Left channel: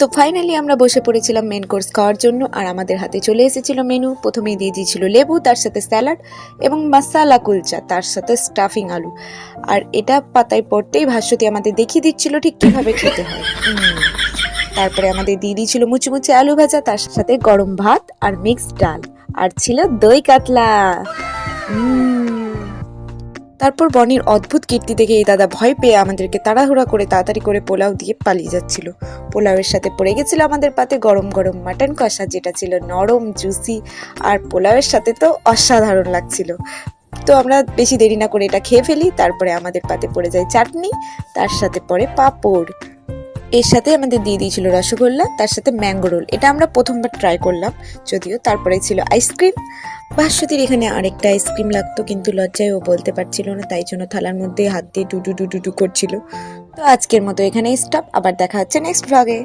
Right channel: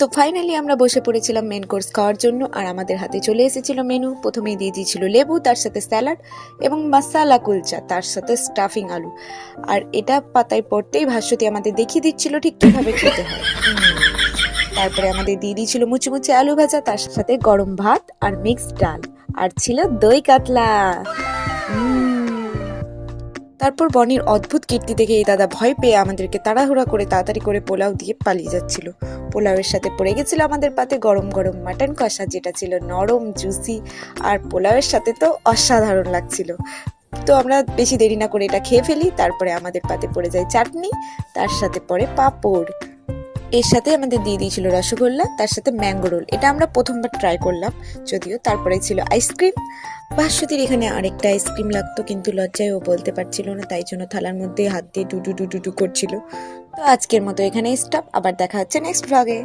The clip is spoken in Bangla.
তো ফাইনালি আমরা বসে পড়েছিলাম মেন কোর্স খাওয়ার জন্য, আর আমাদের হাতে চলে এসেছিল মেনু। প্রথমেই দিয়ে দিয়েছিল লেবু, তার সাথে স্যালাড এবং মাসালা কুলচা, তার সাথে স্টাফিং আলু। আর এটা পাতায় পড়তেই ভাস্বতী আমাদের দেখিয়ে দিচ্ছিল ঠিক কিভাবে খেতে হয়। তারপরে আমাদের দিয়ে দিয়েছিল মুচি আলু ভাজা, তার সাথে গরম ভাত আর মিক্সড ডাল, আর ছিল দই কাতলা। তারপর বনির অদ্ভুত কীর্তি দেখে এই দাদা ভয় পেয়ে আমাদেরকে তাড়াহুড়া করে তাড়াতাড়ি করে পোলাও দিয়ে পালিয়ে যাচ্ছিল। পোলাওয়ের সাথে পড়ে গেছিল আমাদের পাতে গরম গরম মাটন কষা, যেটা ছিল নরম জুসি, আর পোলাওয়ের সাথে তো অসাধারণ লাগছিল। তো আমরা বেশি দেরি না করে এটা খেয়ে ফেলি। তারপরে আমাদের পাতে পড়ে যায় চাটনি, তার সাথে পড়ে পাঁপড়, এর সাথে আমাদের দিয়ে দিয়েছিল রসগোল্লা, তার সাথে ম্যাঙ্গো রোল। এটা আমরা প্রথমবার ট্রাই করলাম যদিও। তারপরে ছিল আইসক্রিম। ভাস্বতীর এখানে আরেকটা আইসক্রিম লাগতো, কিন্তু লজ্জায় ও বলতে পারছিল না, তাই জন্য থালার মধ্যে হাত দিয়ে ডুডু ডুডু ডু করছিল। তো আজকের মতো এখানেই স্টপ, আবার দেখা হচ্ছে নেক্সট ভ্লগে।